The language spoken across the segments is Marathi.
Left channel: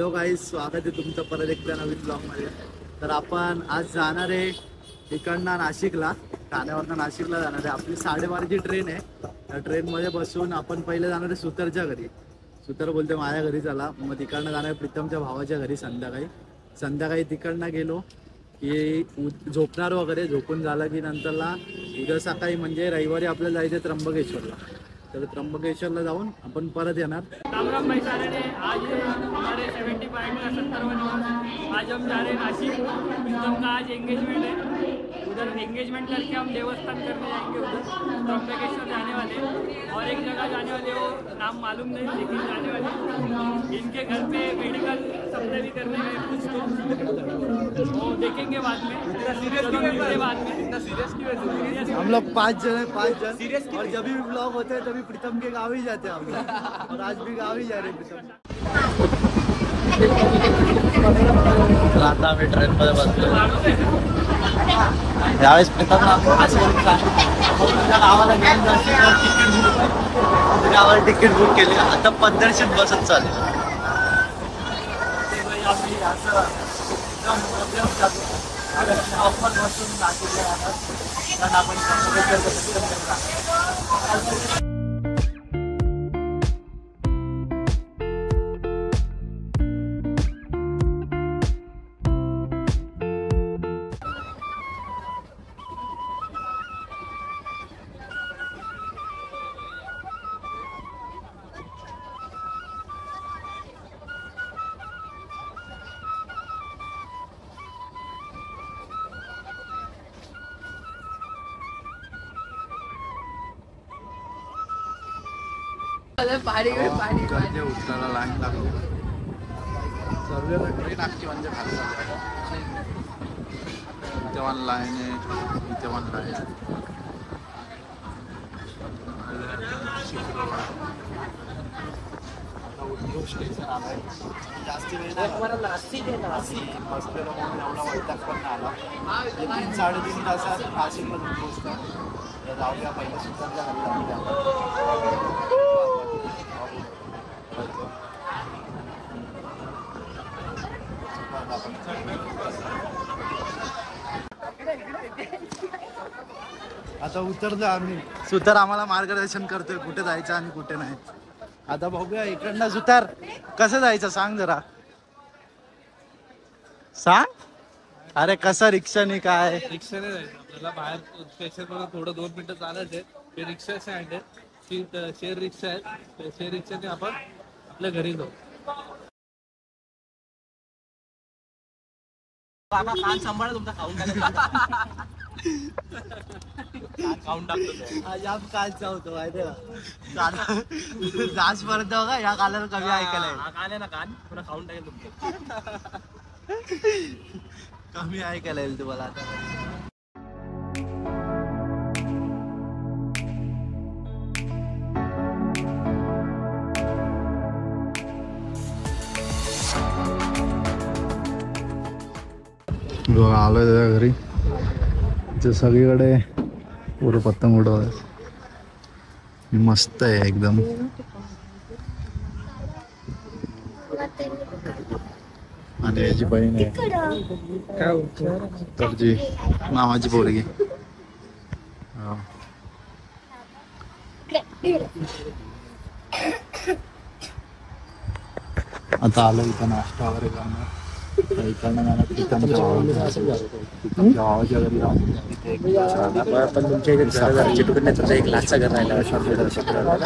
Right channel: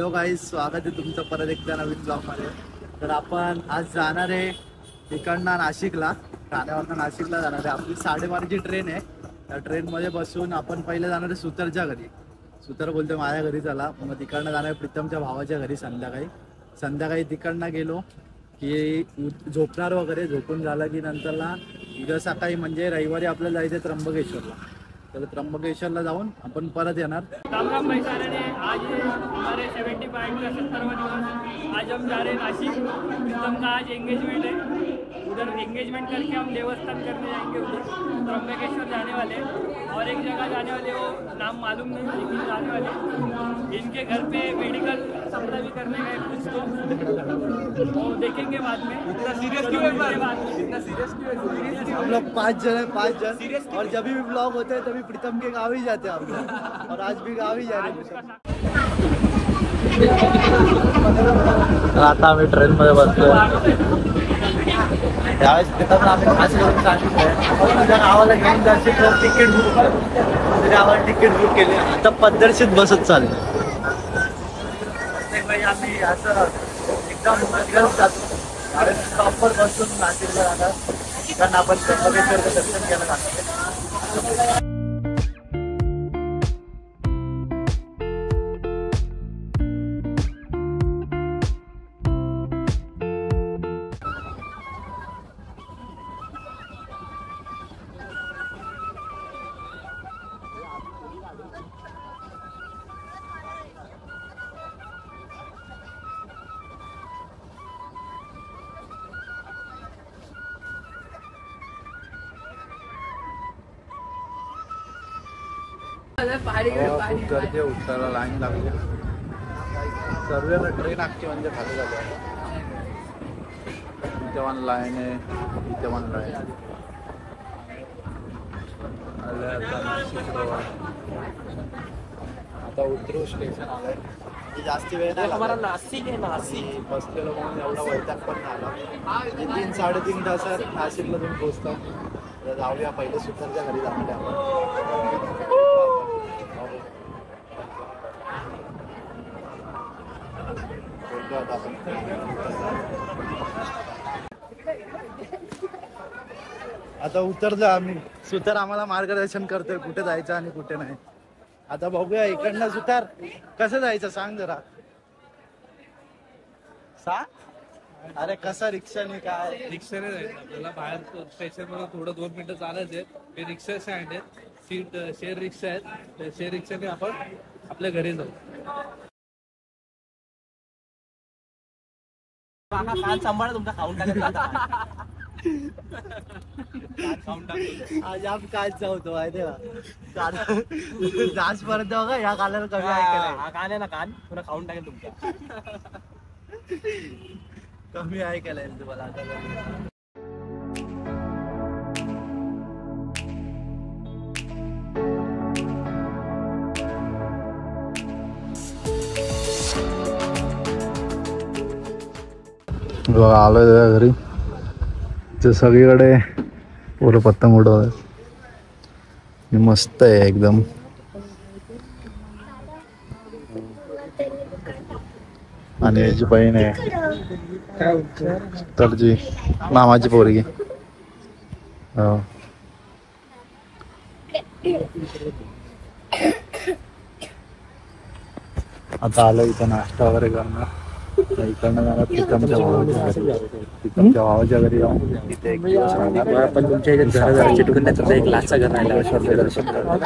हॅलो गाईज, स्वागत आहे तुमचं परत एकदा नवीन ब्लॉगमध्ये. तर आपण आज जाणार आहे इकडनं नाशिकला, ठाण्यावरनं नाशिकला जाणार आहे. आपली 12:30ची ट्रेन आहे. त्या ट्रेनमध्ये बसून आपण पहिले जाणार आहे सुतरच्या घरी. सुतर बोलते माझ्या घरी चला, मग तिकडनं जाणार प्रीतमच्या भावाच्या घरी संध्याकाळी तिकडनं गेलो की झोपणार वगैरे. झोपून झालं की नंतरला उद्या सकाळी म्हणजे रविवारी आपल्याला जायचं आहे त्र्यंबकेश्वरला. तर त्र्यंबकेश्वरला जाऊन आपण परत येणार. राम राम भाई सारे ने, आज हमारे 75 का 70वां दिवस। आज हम जा रहे हैं नासिक। प्रीतम का आज एंगेजमेंट है, उधर एंगेजमेंट करके हम देवस्थान करने जाएंगे, उधर त्र्यंबकेश्वर जाने वाले। और एक जगह जाने वाले, वो नाम मालूम नहीं लेकिन जाने वाले। इनके घर पे मेडिकल सप्लाई भी करने गए कुछ, तो वो देखेंगे बाद में। सीरियस बाद में इतना सीरियस क्यों? हम लोग 5 जन है, 5 जन। और जब भी ब्लॉग होते हैं तभी प्रीतम के गाँव ही जाते हैं हम लोग, और आज भी गाँव ही जा रहे हैं प्रीतम। तर आता आम्ही ट्रेन मध्ये बसलोय. त्यावेळेस प्रीतमला आम्ही खास करून सांगितलंय तुझ्या गावाला घेऊन जायचे तर तिकीट बुक कर. तुझ्या गावाला तिकीट बुक केले, आता पद्धतशीर बसत चालेल. आम्ही असं एकदम पद्धत जातो. त्यावेळेस प्रॉपर बसून नाशिकला जाणार, कारण आपण त्र्यंबकेश्वरचं दर्शन घ्यायला जाणार आहे. खूप गर्दी आहे, उतरायला लाईन लागते. सर्व ट्रेन अख्खी म्हणजे खाली झाली आहे. इथे वन लाईन आहे, इथे वन लाईन आले. आता नाशिक रोड, आता उतरू स्टेशन आलंय. जास्ती वेळ नाही लागला, बसलेलो म्हणून एवढा वैताग पण नाही आला. 3-3.5 तासात नाशिकला तुम्ही पोहोचतात. जाऊया पहिले सुतरच्या घरी जाणार आपण. आता उतरलो आम्ही. सुतार आम्हाला मार्गदर्शन करतोय कुठे जायचं आणि कुठे नाही. आता बघूया इकडनं. सुतार कसं जायचं सांग जरा, सांग. अरे कसं, रिक्षाने काय? रिक्षाने जायचं आपल्याला. बाहेर स्टेशन मध्ये थोडं 2 मिनिटं चालायचे. ते रिक्षा स्टँड आहे, सीट शेअर रिक्षा आहेत. त्या शेअर रिक्षाने आपण आपल्या घरी जाऊ. कान सांभाळ तुमचा, खाऊन टाकतो आज आप काल जाऊतो जास परत का या कालाला कमी ऐकायला कान आहे ना, कान थोडं खाऊन टाकेल तुमचा. कमी ऐकायला येईल तुम्हाला आता. बघा आलोय त्याच्या घरी. ते सगळीकडे पुरं पतंग उडवत, मस्त आहे एकदम. आणि याची बहीण आहे तरची मामाची पोरगी. हो, आता आलो इथं नाश्ता वगैरे करणार. इकडनं जाणार प्रीतमच्या भावाच्या घरी जाऊन तिथे 1 दिवस राहणार. सकाळची त्र्यंबकेश्वरचं दर्शन करणार.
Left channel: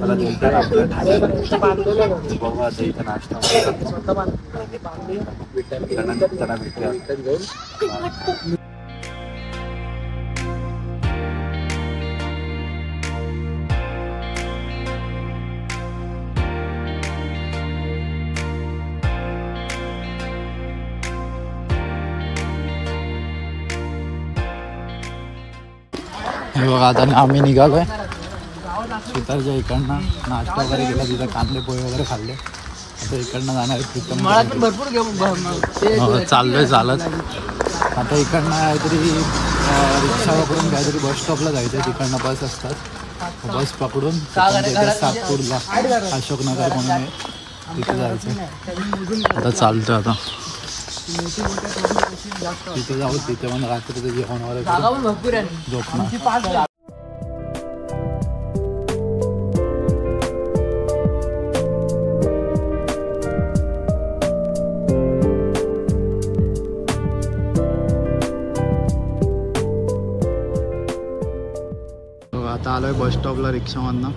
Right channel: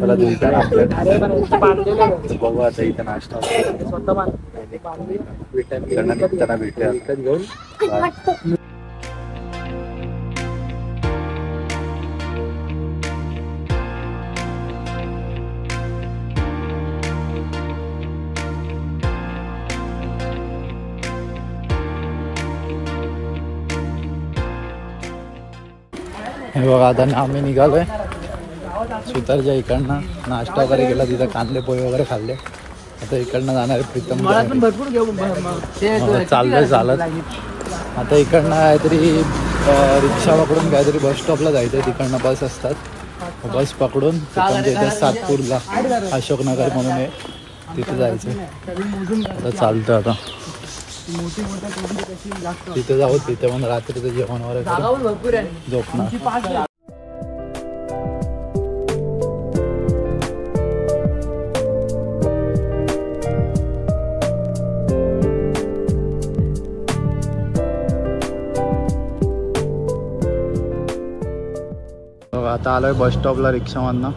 मला रिटर्न आपल्या ठाण्याला. तर बघू आता इथं नाश्ता वगैरे करतो. इकडनं निघताना भेटूया. बाय. हे बघा आता आम्ही निघालोय सुतारच्या इकडनं. नाश्ता वगैरे केला, तिथं कांदे पोहे वगैरे खाल्ले. आता इकडनं जाणार आहे प्रीतम. चाललोय चालत. आता इकडनं काहीतरी रिक्षा पकडून काहीतरी बस स्टॉपला जायचं आहे. तिकडनं बस असतात, बस पकडून प्रीतमच्या इथे सातपूरला अशोकनगर म्हणून आहे तिथे जायचं आता चालतं आता तिथे जाऊ तिथे पण रात्रीचं जेवण वगैरे झोपणार. आता आलोय बस स्टॉपला रिक्षामधनं.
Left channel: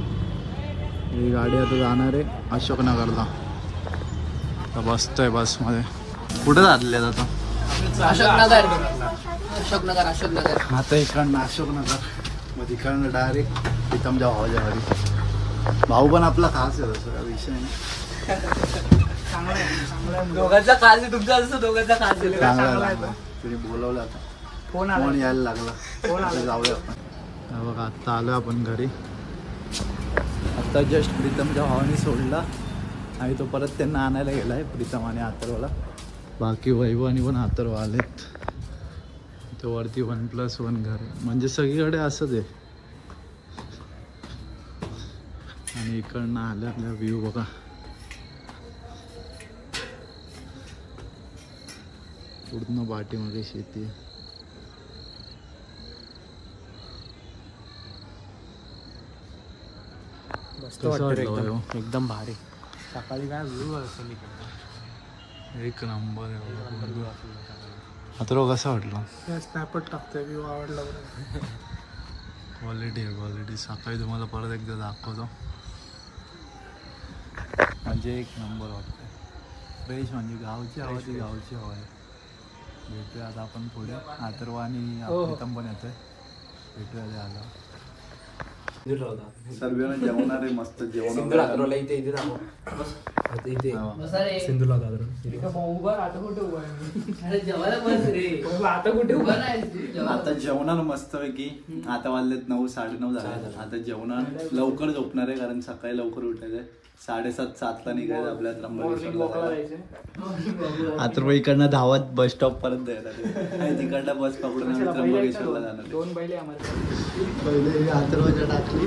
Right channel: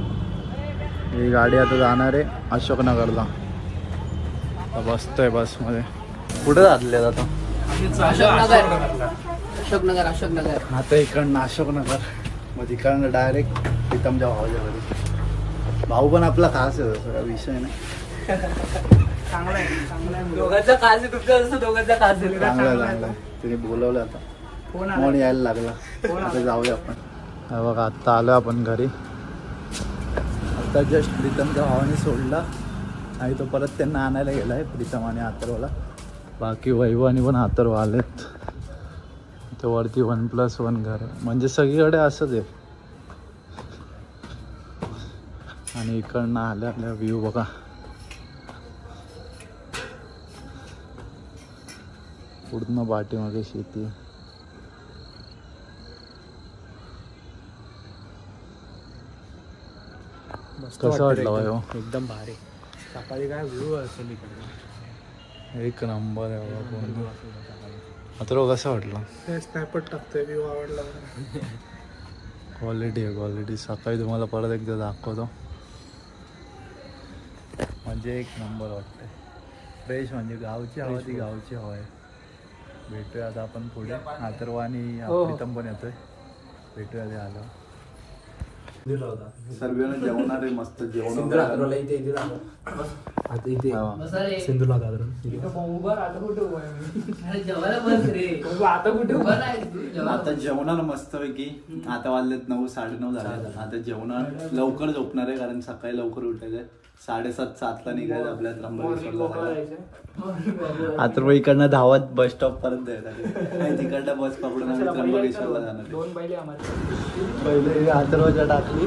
ही गाडी आता जाणार आहे अशोकनगरला. आता बसतोय बसमध्ये. कुठे जातले आता आता इकडनं अशोकनगर मग इकडनं डायरेक्ट प्रीतमच्या भावाच्या घरी. भाऊ पण आपला खास आहे तसं काय विषय नाही. चांगला तिने बोलवलं आता मन यायला लागला. आता जाऊया आपण. बघा आत्ता आलो आपण घरी. आत्ता जस्ट प्रीतमच्या भावाने सोडला आणि तो परत त्यांना आणायला गेला आहे प्रीतम आणि अथर्वला. बाकी वैभव आणि पण अथर्व आलेत. ते वरती 1+1 घर आहे म्हणजे सगळीकडे असंच आहे. आणि इकडनं आल्या आल्या व्ह्यू बघा. पूर्ण पाठीमागे शेती आहे. कसं वाटलं एकदम भारी. सकाळी काय व्ह्यू असेल एक नंबर आहे. आता कसं वाटलं स्नॅपच टाकतोय व्ह्यू आवडला. क्वालिटी आहे क्वालिटी. सकाळी तुम्हाला परत एकदा दाखवतो. म्हणजे एक नंबर वाटतंय फ्रेश. म्हणजे गावची हवा ती गावची हवा आहे. भेटूया आता आपण पुढे. अथर्व आणि प्रीतम पण येतोय. भेटूया ते आलं. सर्वांना जेवणार आहे मस्त जेवण. आता जेवणार मस्त पैकी. आता वाजलेत 9 9:30 झाले. आता जेवणार लवकर झोपणार आहे कारण सकाळी लवकर उठायचंय. 7:30-7 ला निघायचं आपल्या त्र्यंबकेश्वरला जायला. आता इकडनं धावत बस स्टॉप परत जायला. तिकडनं बस पकडून आम्ही त्र्यंबकेश्वरला जाणार. पहिले अथर्वच्या टाकली.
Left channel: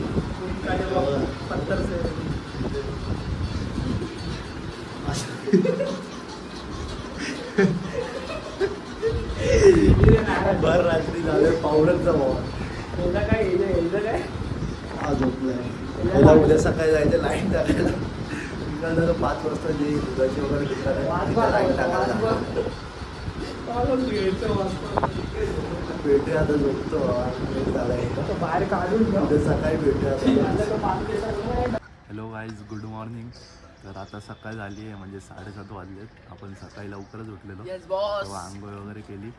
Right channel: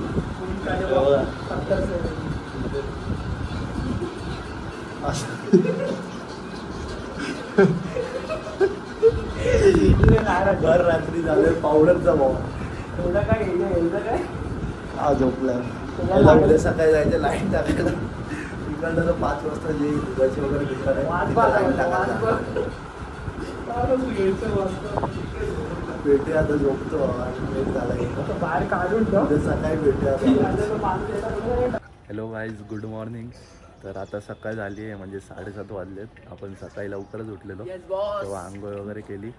भर रात्री झाले पावडरचा भाव. हा झोपलाय. उद्या सकाळी जायचं लाईन टाकायला. इकडनं 5 वाजता जे दुधाची वगैरे घेतलं लाईन टाकायला भेटूया. आता झोपतो बाहेर काढून सकाळी भेटूया. Hello guys good morning. तर आता सकाळ झाली आहे म्हणजे 7:30 वाजलेत. आपण सकाळी लवकरच उठलेलो तेव्हा आंघोळ वगैरे केली.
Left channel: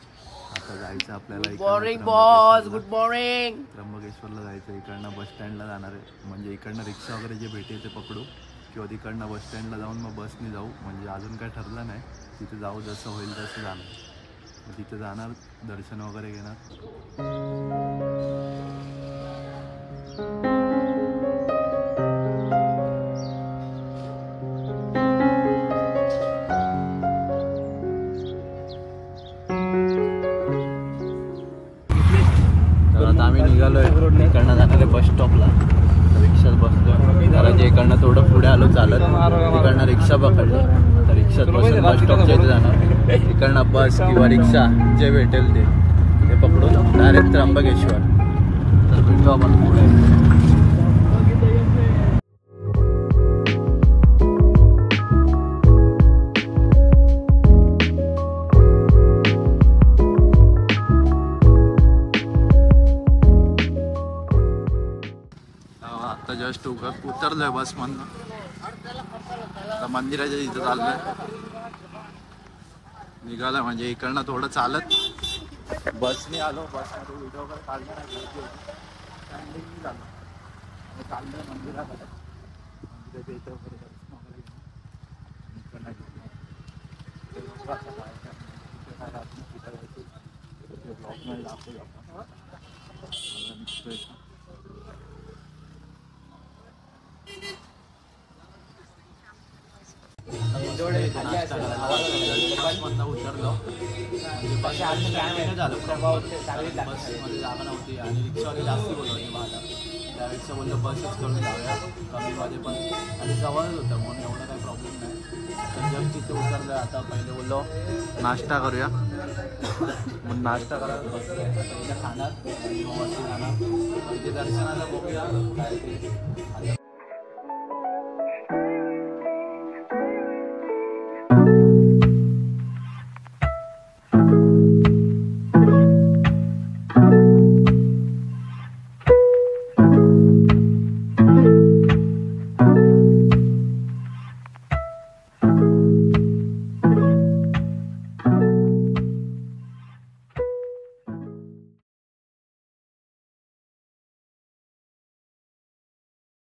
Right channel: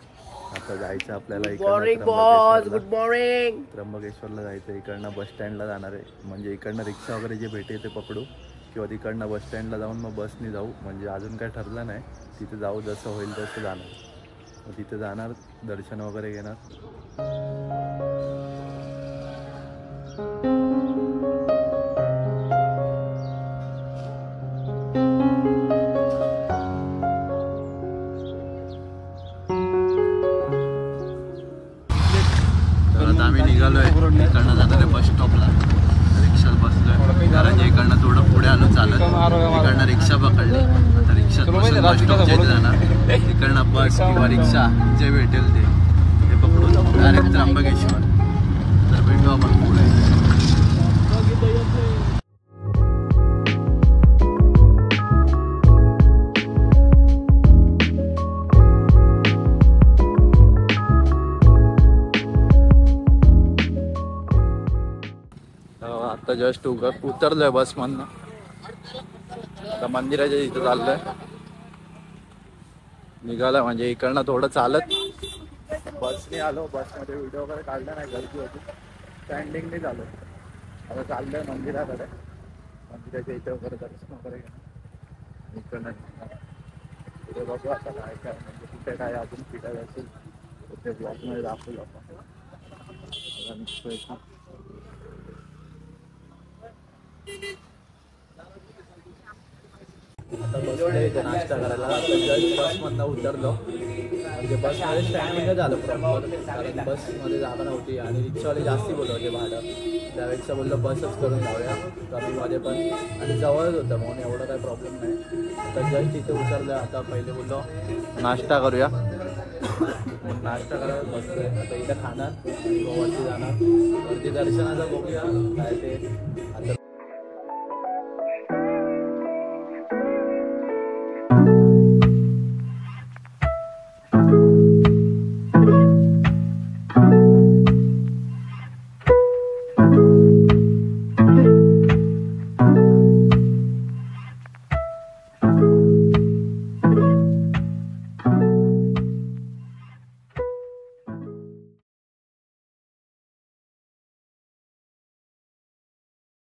आता जायचं आपल्याला त्र्यंबकेश्वरला जायचं. इकडनं बस स्टँडला जाणार आहे. म्हणजे इकडनं रिक्षा वगैरे जे भेटे ते पकडू किंवा तिकडनं बस स्टँडला जाऊन मग बसने जाऊ. म्हणजे अजून काय ठरलं नाही. तिथे जाऊ जसं होईल तसं जाणार. मग तिथे जाणार दर्शन वगैरे घेणार. आम्ही निघालोय. इकडनं जाणार आहे बस स्टॉपला. रिक्षात बसलोय कारण इकडनं थोडं पुढे आलो चालत. इकडनं रिक्षा पकडली तर रिक्षात बसून बस स्टॉपच्या इथे जाणार. इकडनं बस किंवा रिक्षा जे भेटेल ते पकडून डायरेक्ट त्र्यंबकेश्वर. तर भेटू आपण पुढे. आता जस्ट उतरलोय बसमधनं. आता मंदिराच्या इथं चाललोय. निघालोय म्हणजे इकडनं थोडं चालत बसने आलो. बसमध्ये व्हिडिओ वगैरे काढला नाही गर्दी होती. स्टँडिंगने झालो. आता चाललोय मंदिराकडे. मंदिराच्या इथे वगैरे दर्शन वगैरे घेणं. इकडनं पुढे बघू आता काय काय म्हणजे कुठे काय अजून फिरायला असेल ते ब्लॉगमध्ये दाखवू आपण. आता निघतोय का आता बसलोय इथे नाश्ता करायला. आता जस्ट बसमधनं उतरलो. तिथे बसमध्ये स्टँडिंगच आलं प्रॉपर, कारण बसमध्ये जागा नव्हती आणि रिक्षावाले जास्ती बोलवते भाडं, त्यापेक्षा बोललं बसच करून जाऊया कमीमध्ये पण, आणि जवळच होतं म्हणून एवढं काही प्रॉब्लेम नाही. आता जस्ट तिथे उतरलं, आता पहिले बोललो नाश्ता करूया, मग नाश्ता करायला बसलो. आता इथे खाणार आणि मग वरती जाणार. वरती दर्शनाचं बघूया काय ते, आता